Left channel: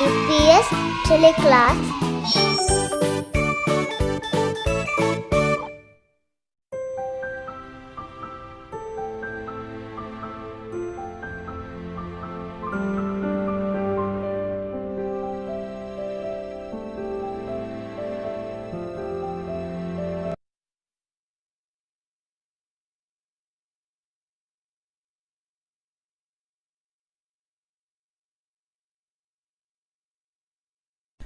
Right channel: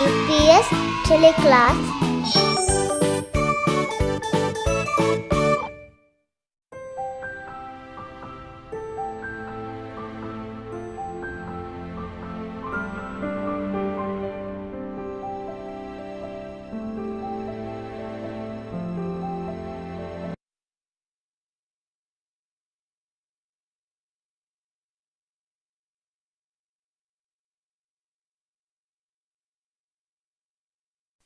EPS Teleclass.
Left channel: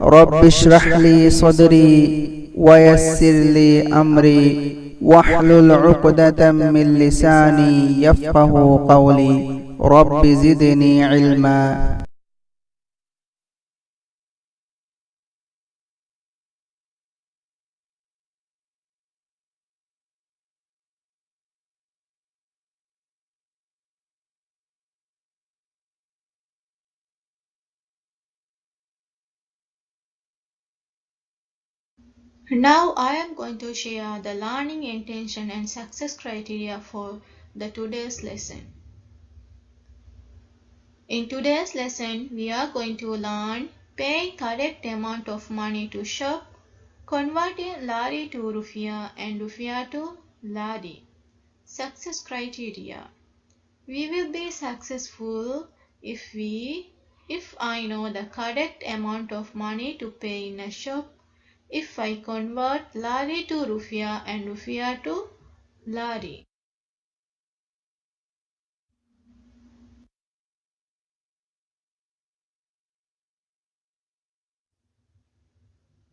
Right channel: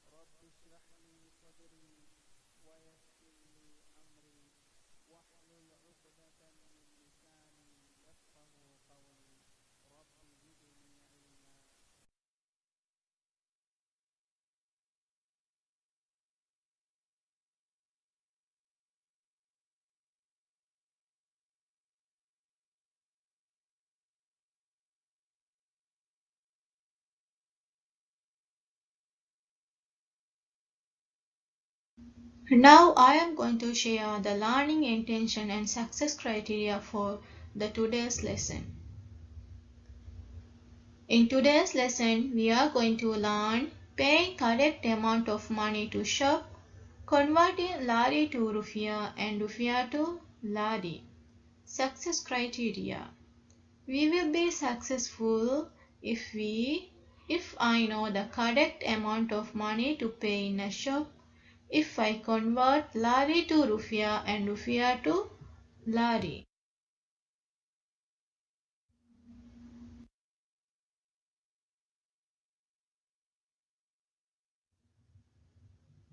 رب اشرح لي صدري ويسر لي أمري واحلل عقدة من لساني يفقه قولي رب زدني علما. Now I am going to share the learning intention and success criteria for the today's lesson. In today's lesson, we are going to learn paying correct amount of money to shop, converting lari to rufiya and rufiya to lari. Success criteria. We will be successful if I know the correct amount of money to pay in a shop, if I convert lari to rufiya and rufiya to lari.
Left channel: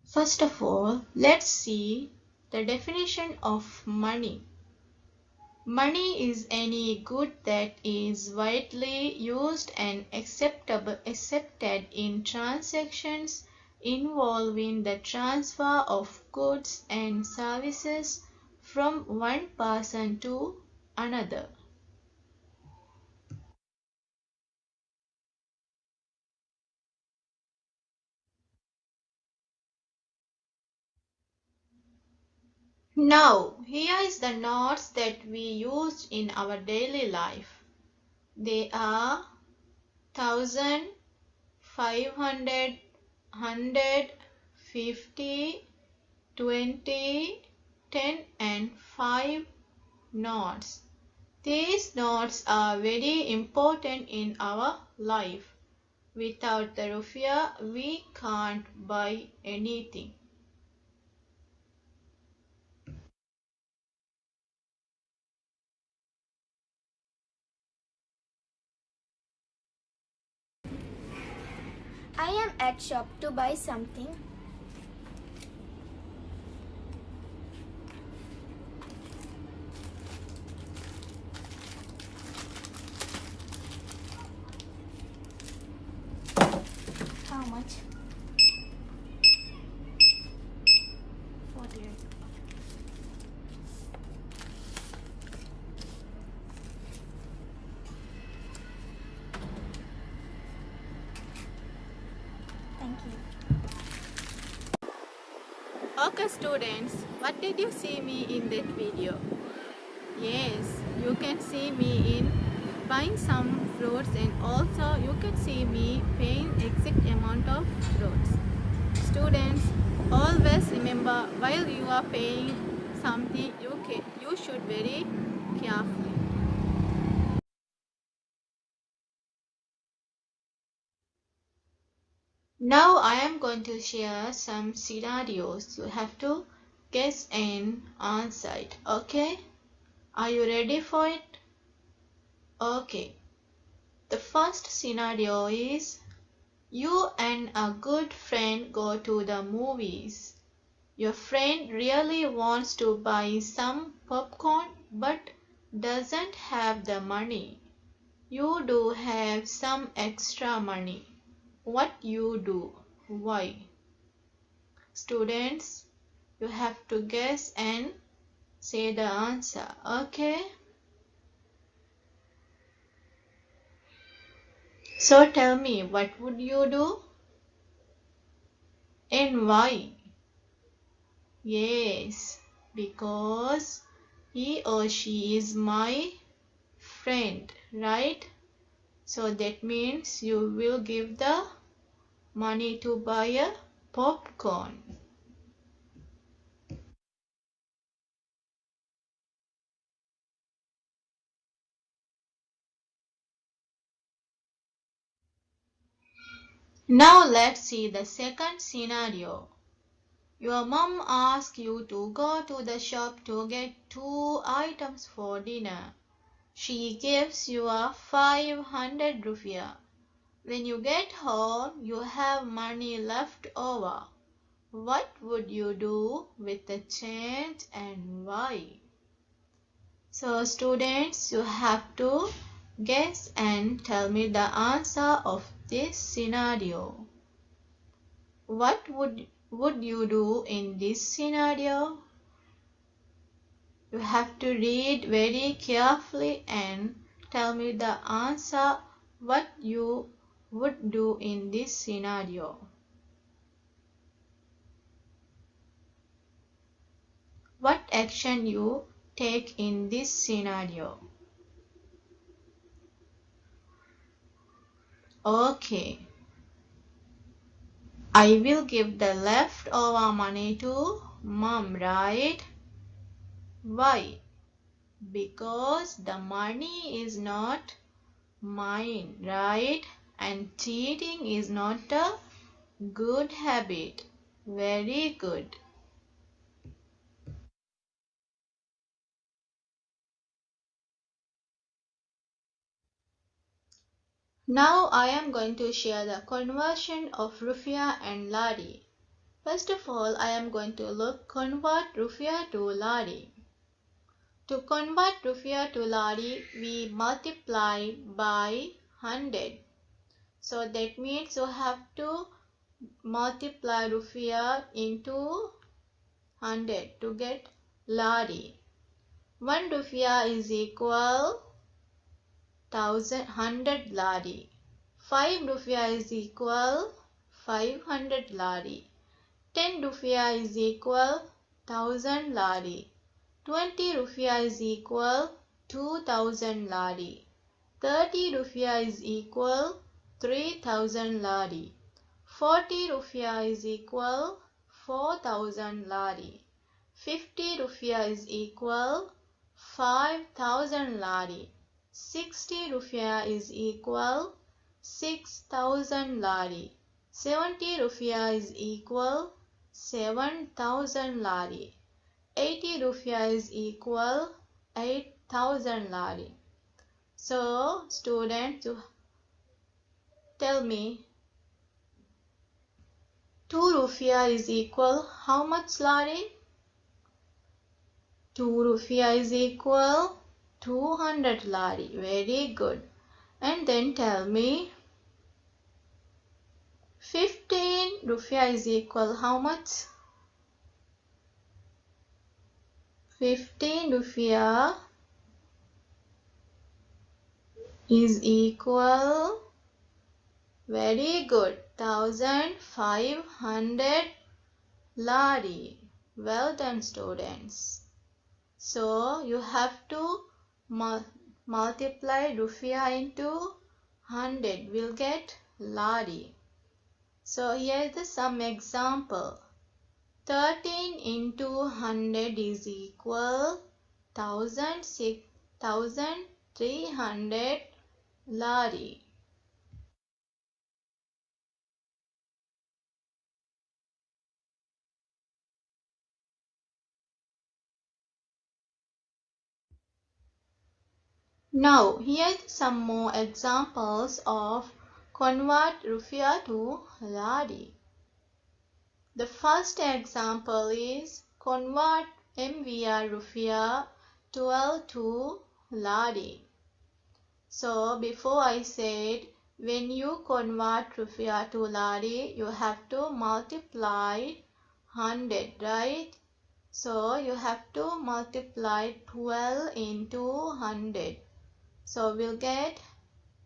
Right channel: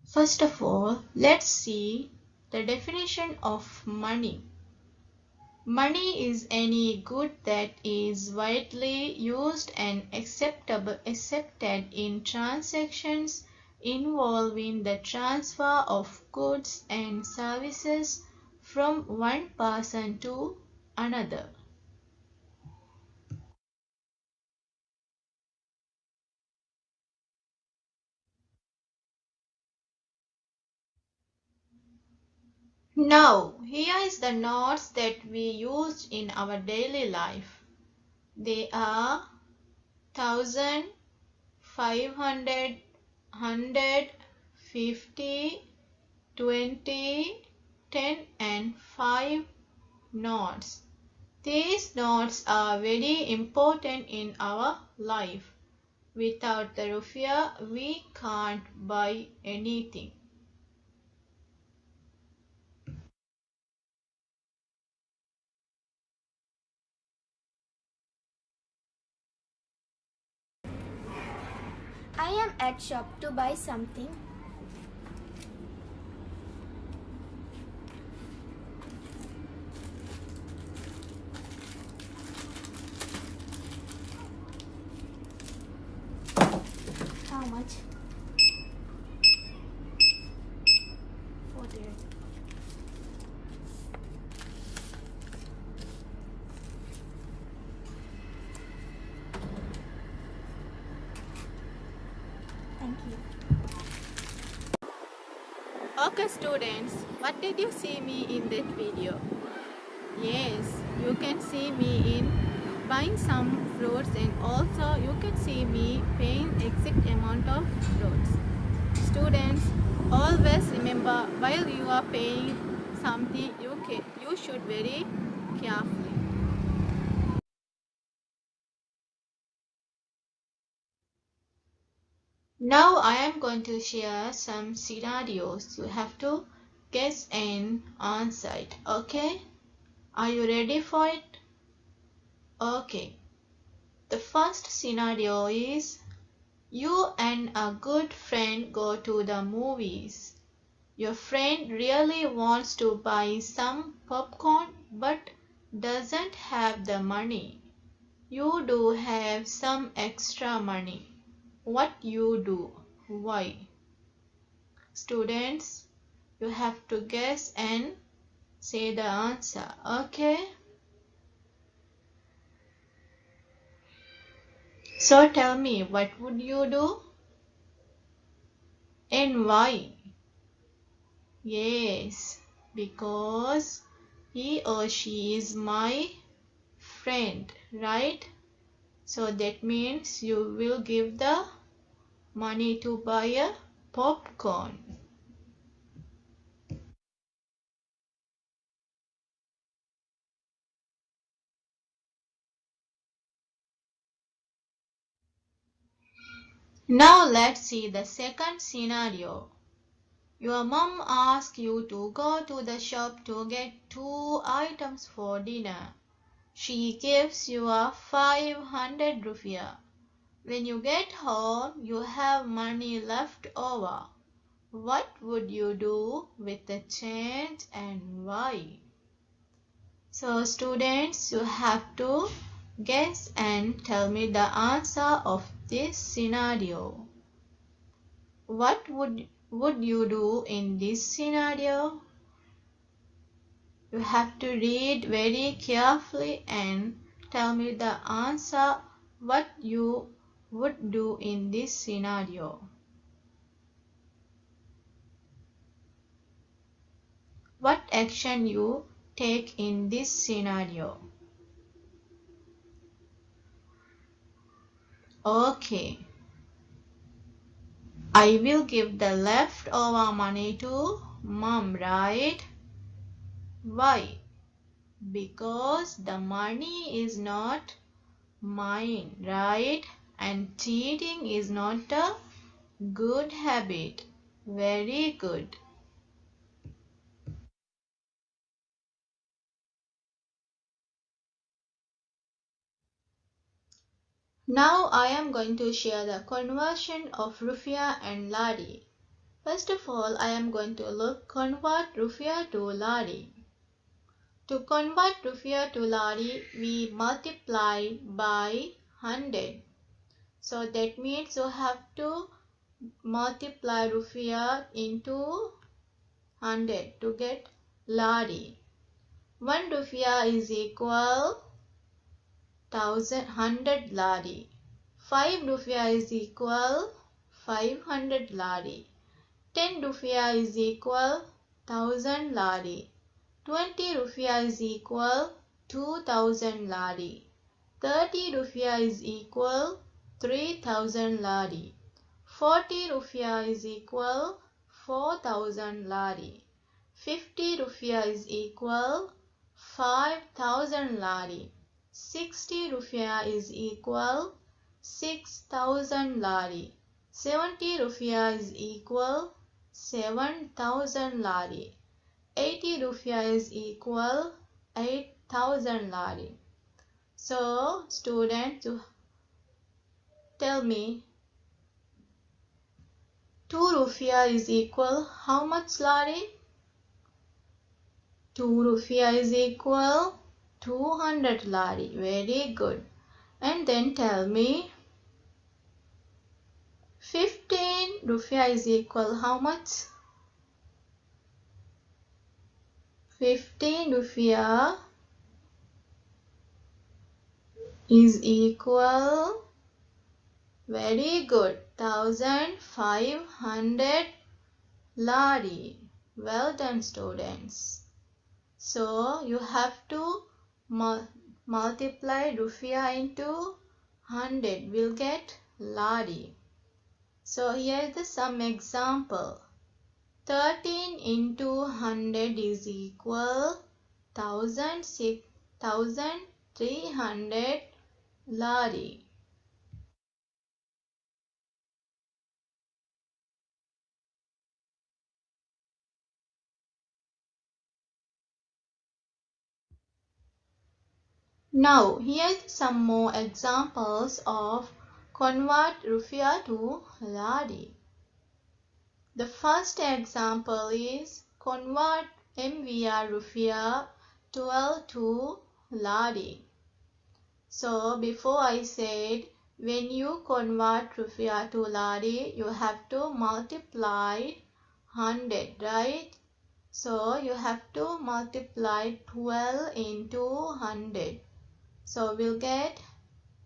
First of all, let's see the definition of money. Money is any good that is widely used and accepted in transactions involving the transfer of goods and services from one person to another. Now, here is the notes that we used in our daily life. They are 1000, 500, 100, 50, 20, 10 and 5 notes. These notes are very important in our life. Without the rupiah, we can't buy anything. I am at shop to buy something. How much? 48. Thank you. Okay students, what did you see me in that video? Yes, you can see me in buying some fruits and also you can see me paying exact amount of fruits. Students, always remember while you are paying something you should very carefully. Now I am going to share some scenarios. You have to guess and answer it. Okay? Are you ready for it? Okay. The first scenario is you and a good friend go to the movies. Your friend really wants to buy some popcorn but doesn't have the money. You do have some extra money. What you do? Why? Students, you have to guess and say the answer. Okay? So tell me, what would you do? And why? Yes, because he or she is my friend, right? So that means you will give the money to buy a popcorn. Now let's see the second scenario. Your mom asks you to go to the shop to get 2 items for dinner. She gives you a 500 rupiah. When you get home, you have money left over. What would you do with the change and why? So students, you have to guess and tell me the answer of this scenario. What would you do in this scenario? You have to read very carefully and tell me the answer what you would do in this scenario. What action you take in this scenario? Okay. I will give the leftover money to mom, right? Why? Because the money is not mine, right? And cheating is not a good habit. Very good. Now I am going to share the conversion of rupiah and lari. First of all, I am going to convert rupiah to lari. To convert rupiah to lari, we multiply by 100. So that means you have to multiply rupiah into 100 to get lari. 1 rupiah is equal 100 lari. 5 rupiah is equal 500 lari. 10 rupiah is equal 1000 lari. 20 rupiah is equal 2000 lari. 30 rupiah is equal 3000 lari. 40 rupiah is equal 4000 lari. 50 rupiah is equal 5000 lari. 60 rupiah is equal 6000 lari. 70 rupiah is equal 7000 lari. 80 rupiah is equal 8000 lari. So students, you tell me 2 rupiah is equal how much lari? 2 rupiah is equal 200 lari. Very good. And then tell me 15 rupiah is equal how much? 15 rupiah is equal, very good, 1500 lari. Well done students. So you have to multiply rupiah into 100, will get lari. So here is some example. 13 into 100 is equal 1300 lari. Now here's some more examples of convert rupiah to lari. The first example is convert MVR rupiah 12 to lari. So before I said when you convert rupiah to lari, you have to multiply 100, right? So you have to multiply 12 into 100. So we'll get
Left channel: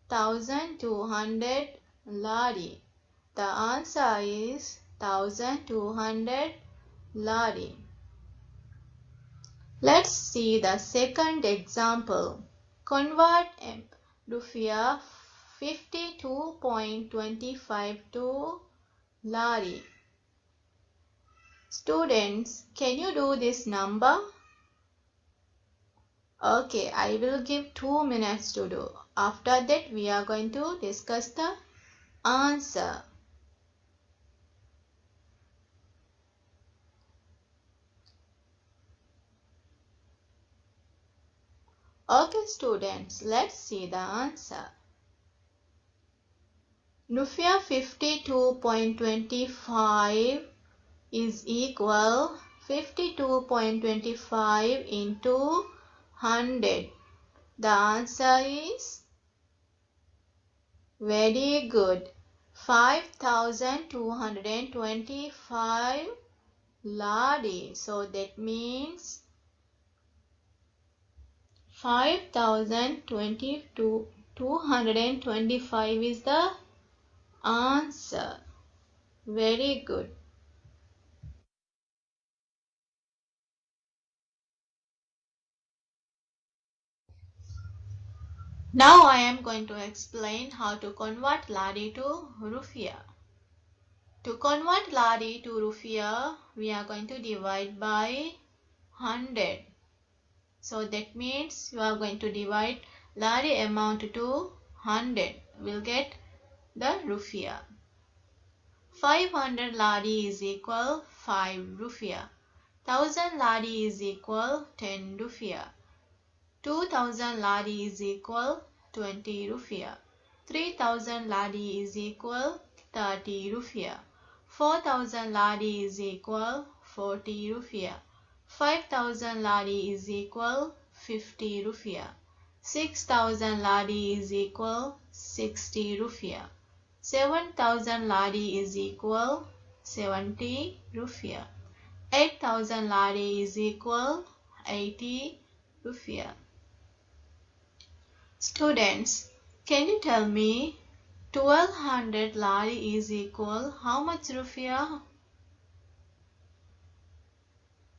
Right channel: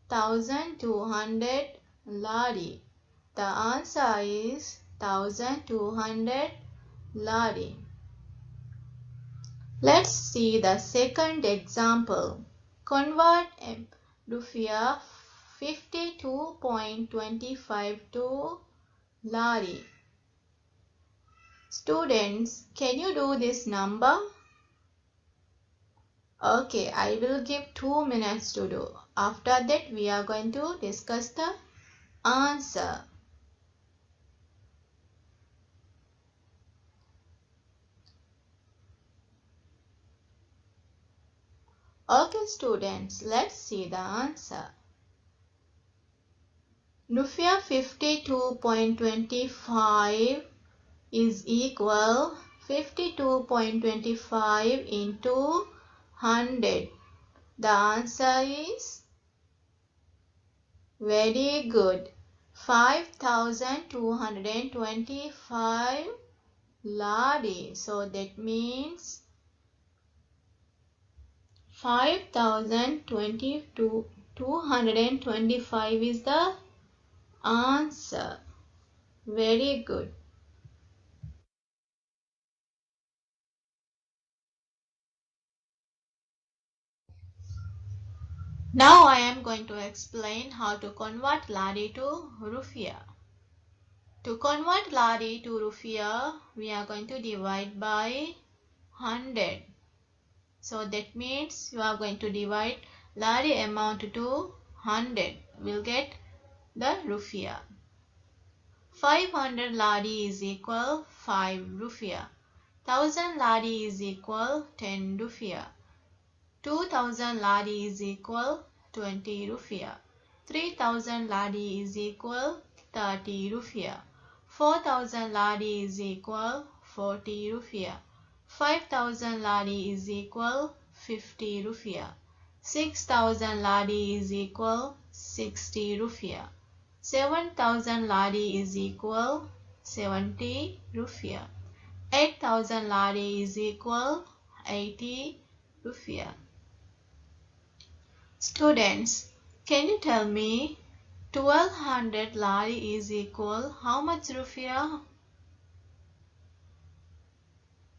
1200 lari. The answer is 1200 lari. Let's see the second example. Convert rupiah 52.25 to lari. Students, can you do this number? Okay, I will give 2 minutes to do. After that, we are going to discuss the answer. Okay, students, let's see the answer. Rupiah 52.25 is equal 52.25 into 100. The answer is very good. 5,225 lari. So that means 5,225 is the answer. Very good. Now I am going to explain how to convert lari to rupiah. To convert lari to rupiah, we are going to divide by 100. So that means you are going to divide lari amount to 100. We'll get the rupiah. 500 lari is equal 5 rupiah. 1000 lari is equal 10 rupiah. 2000 lari is equal 20 rupiah. 3000 lari is equal 30 rupiah. 4000 lari is equal 40 rupiah. 5000 lari is equal 50 rupiah. 6000 lari is equal 60 rupiah. 7000 lari is equal 70 rupiah. 8000 lari is equal 80 rupiah. Students, can you tell me 1200 lari is equal how much rupiah?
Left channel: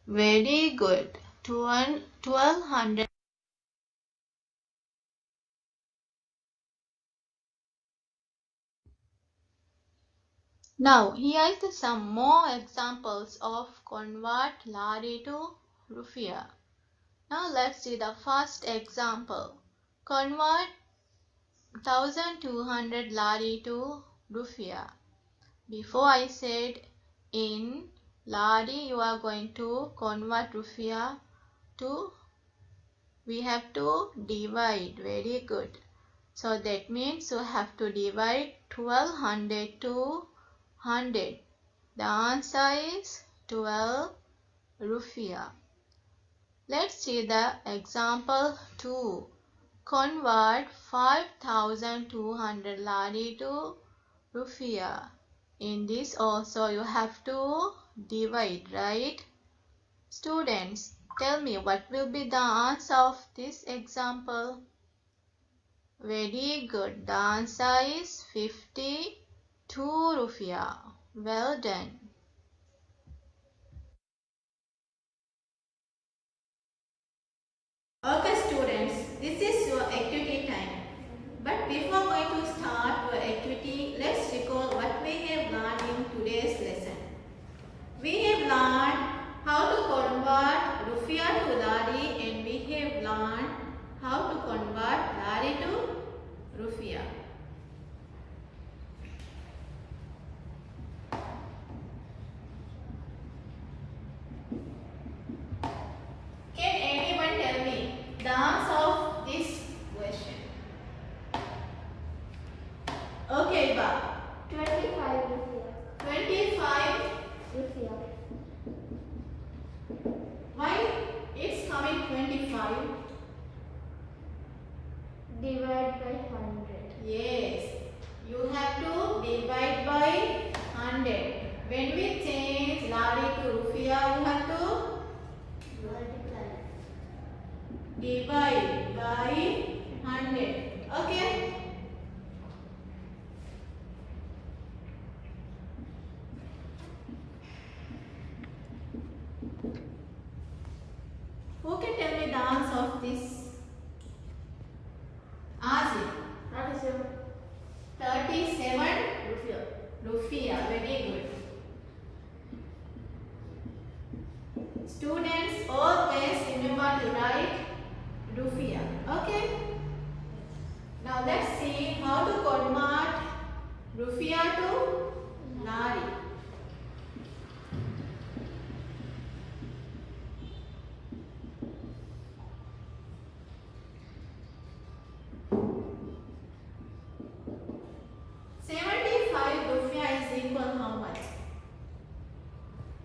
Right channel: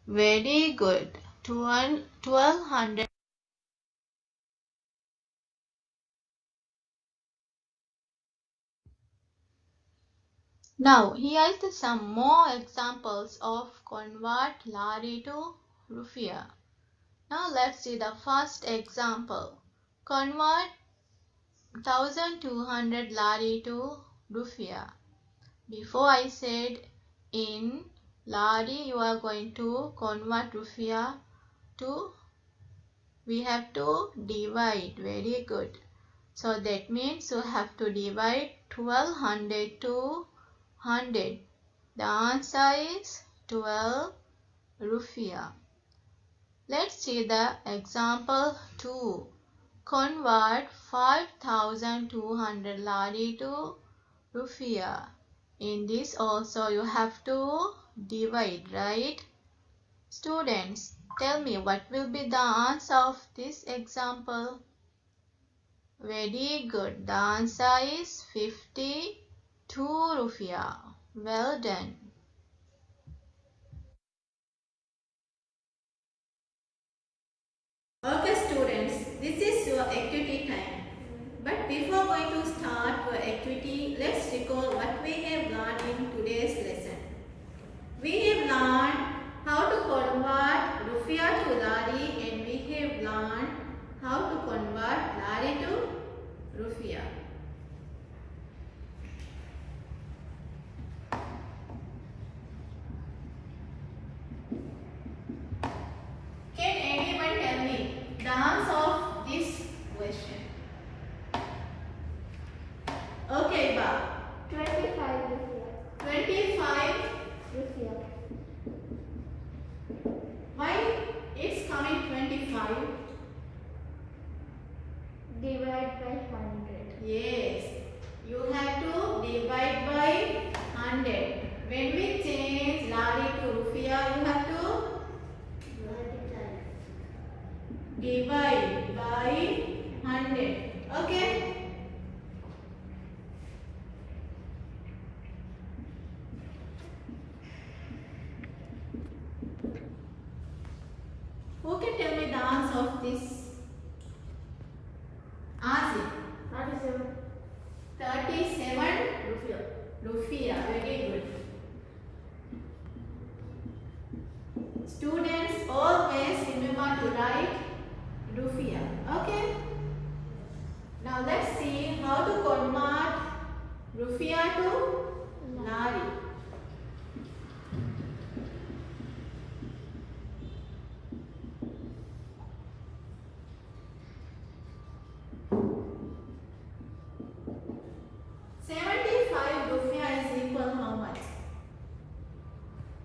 Very good. 1200. Now here is some more examples of convert lari to rupiah. Now let's see the first example. Convert 1200 lari to rupiah. Before I said in lari you are going to convert rupiah to, we have to divide. Very good. So that means you have to divide 1200 to 100. The answer is 12 rupiah. Let's see the example 2. Convert 5200 lari to rupiah. In this also you have to divide, right? Students, tell me what will be the answer of this example? Very good. The answer is 52 rupiah. Well done. Okay students, this is your activity time. But before going to start your activity, let's recall what we have learned in today's lesson. We have learned how to convert rupiah to lari and we have learned how to convert lari to rupiah. Can anyone tell me the answer of this question? Okay, Ba. 25 rupiah. 25. Rupiah. Why it's coming 25? Divide by 100. Yes. You have to divide by 100. When we change lari to rupiah, you have to divide by 100. Okay? Who can tell me the answer of this? Ask it. 37. 37 rupiah. Rufia. Very good. Students always remember to write Rufia. Okay. Now let's see how to convert Rufia to Lari.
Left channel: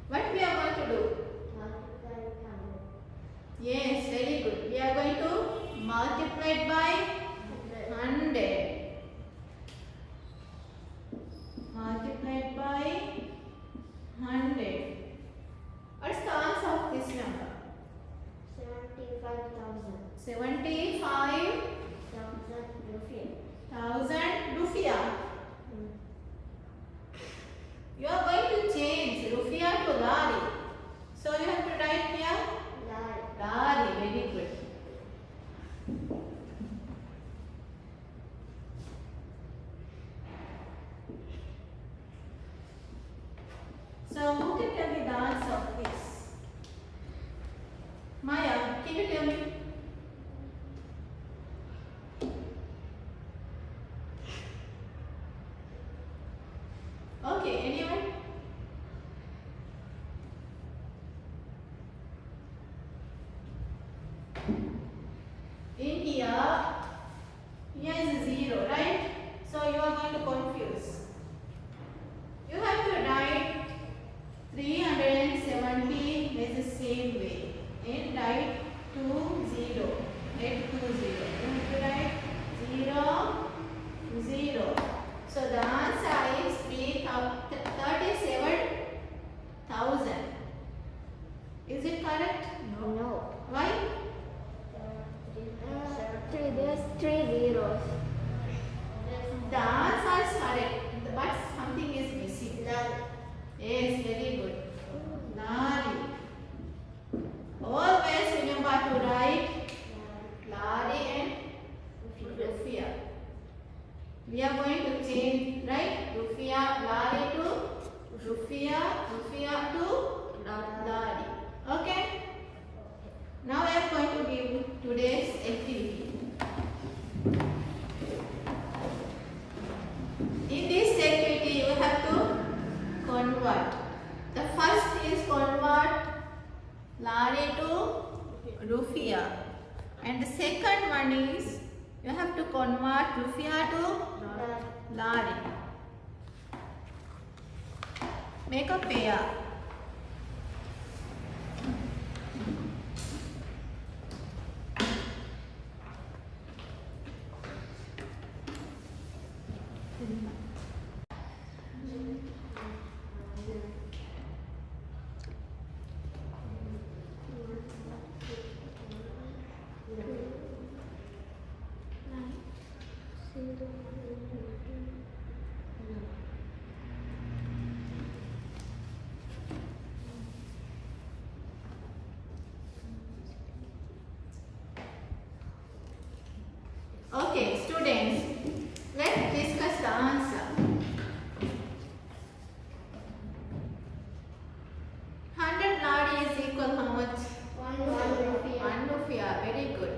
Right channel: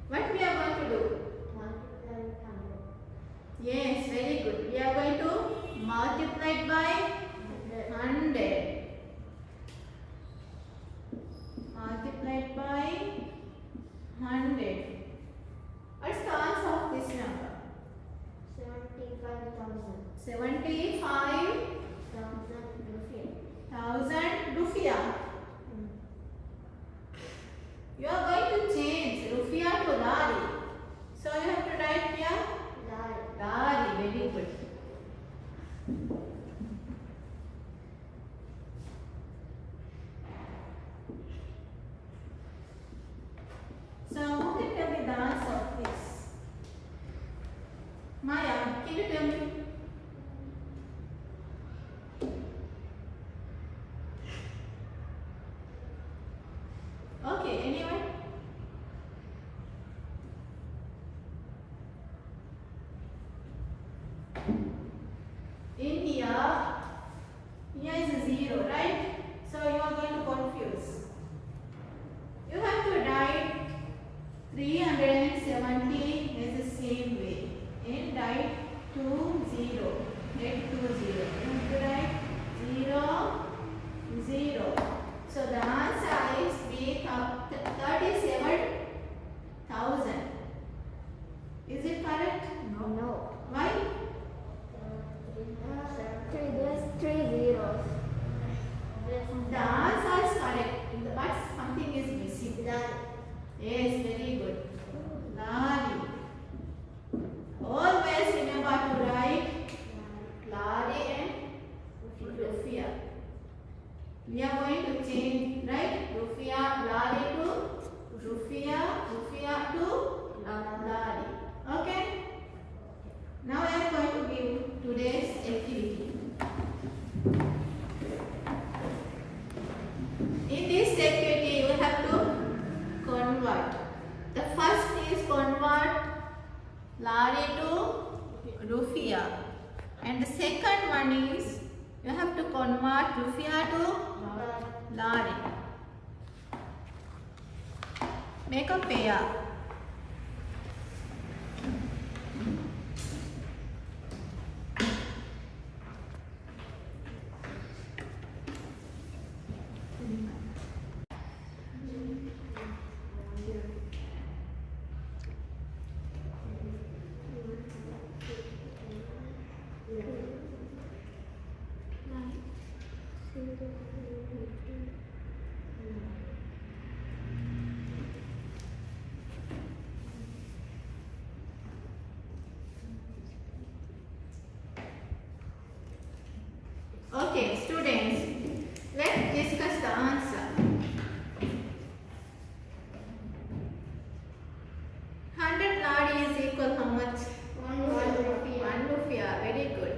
What we are going to do? Yes, very good. We are going to multiply it by 100. Multiplied by 100. What's the answer of this number? 75,000. 75,000 Rufia. You are going to change Rufia to Lari. So you have to write here Lari. Very good. So who can tell me the answer of this? Maya, can you tell me? Okay, anyone? In here is 0, right? So you are going to confuse. You have to write 370 is the same way. And write 20. Add 20. You have to write 0, 0. So the answer is become 37,000. Is it correct? No. Why? There's 3 zeros. The answer is correct, but something is missing. Yes, very good. Lari. Always remember to write Lari and Rufia. We are going to change, right? Rufia, Lari to Rufia, Rufia to Lari. Okay? Now I am going to give today's activity. In this activity, you have to convert. The first is convert Lari to Rufia. And the second one is you have to convert Rufia to Lari. Make a pair. Okay, students, let's discuss the answer. 100 Lari is equal how much? 1 Rufia. Very good.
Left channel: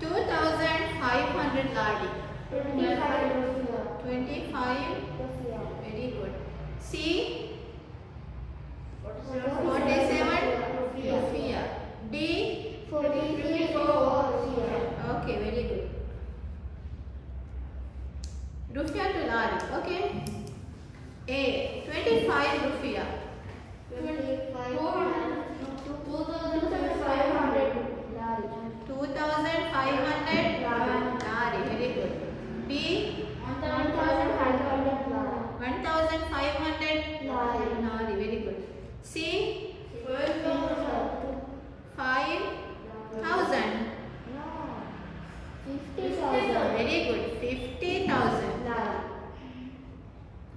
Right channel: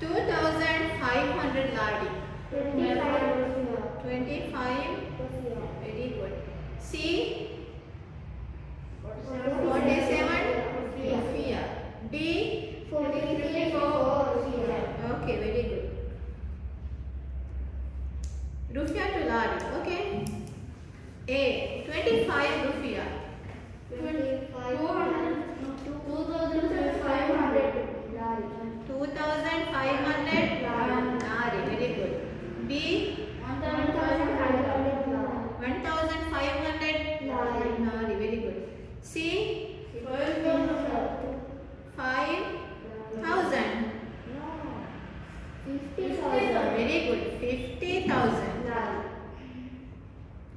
2,500 Lari. 25. Very good. C. 47 Rufia. D. 44. Okay, very good. Rufia to Lari. Okay. A. 25 Rufia. 2,500 Lari. Very good. B. 1,500 Lari. Very good. C. 5,000. 50,000. Very good. 50,000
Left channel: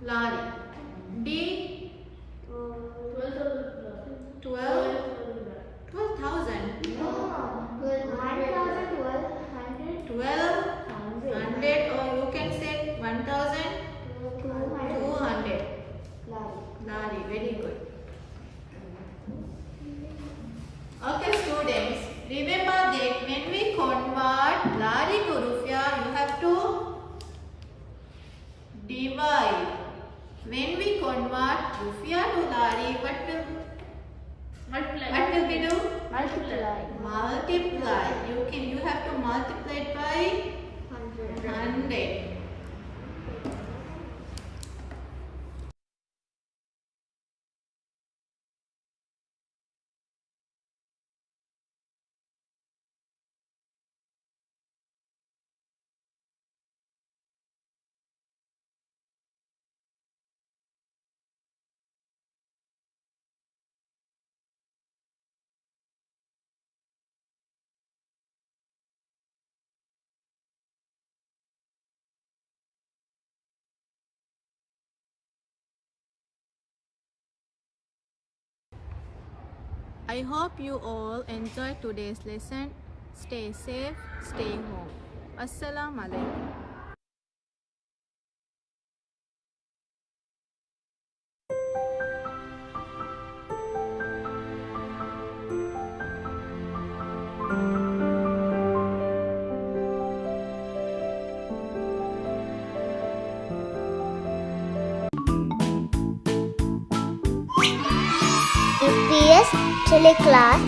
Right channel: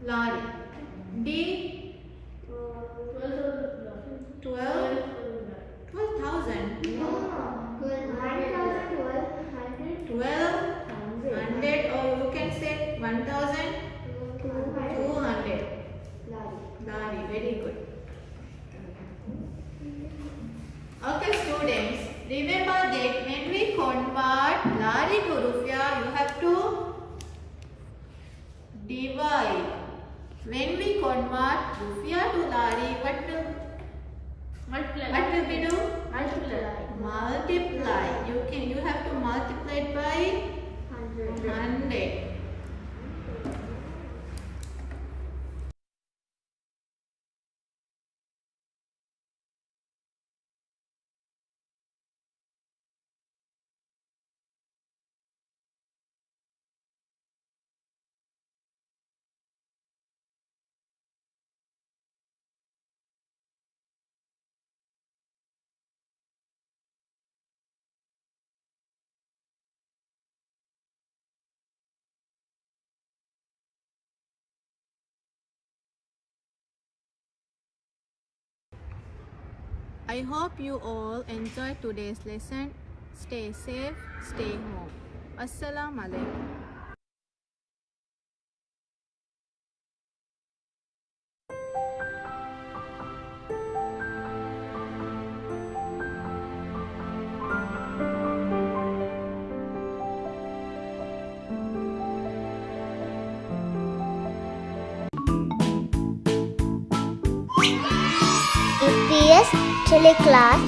Lari. D. 12,000. 1,200 or you can say 1,000 Very good. Okay, students. Remember that when we convert lari to rupiah, you have to divide. When we convert rupiah to lari, what will we do? Multiply. You have to multiply it by 100. I hope you all enjoyed today's lesson. Stay safe, stay home. Assalamu alaikum. EPS Teleclass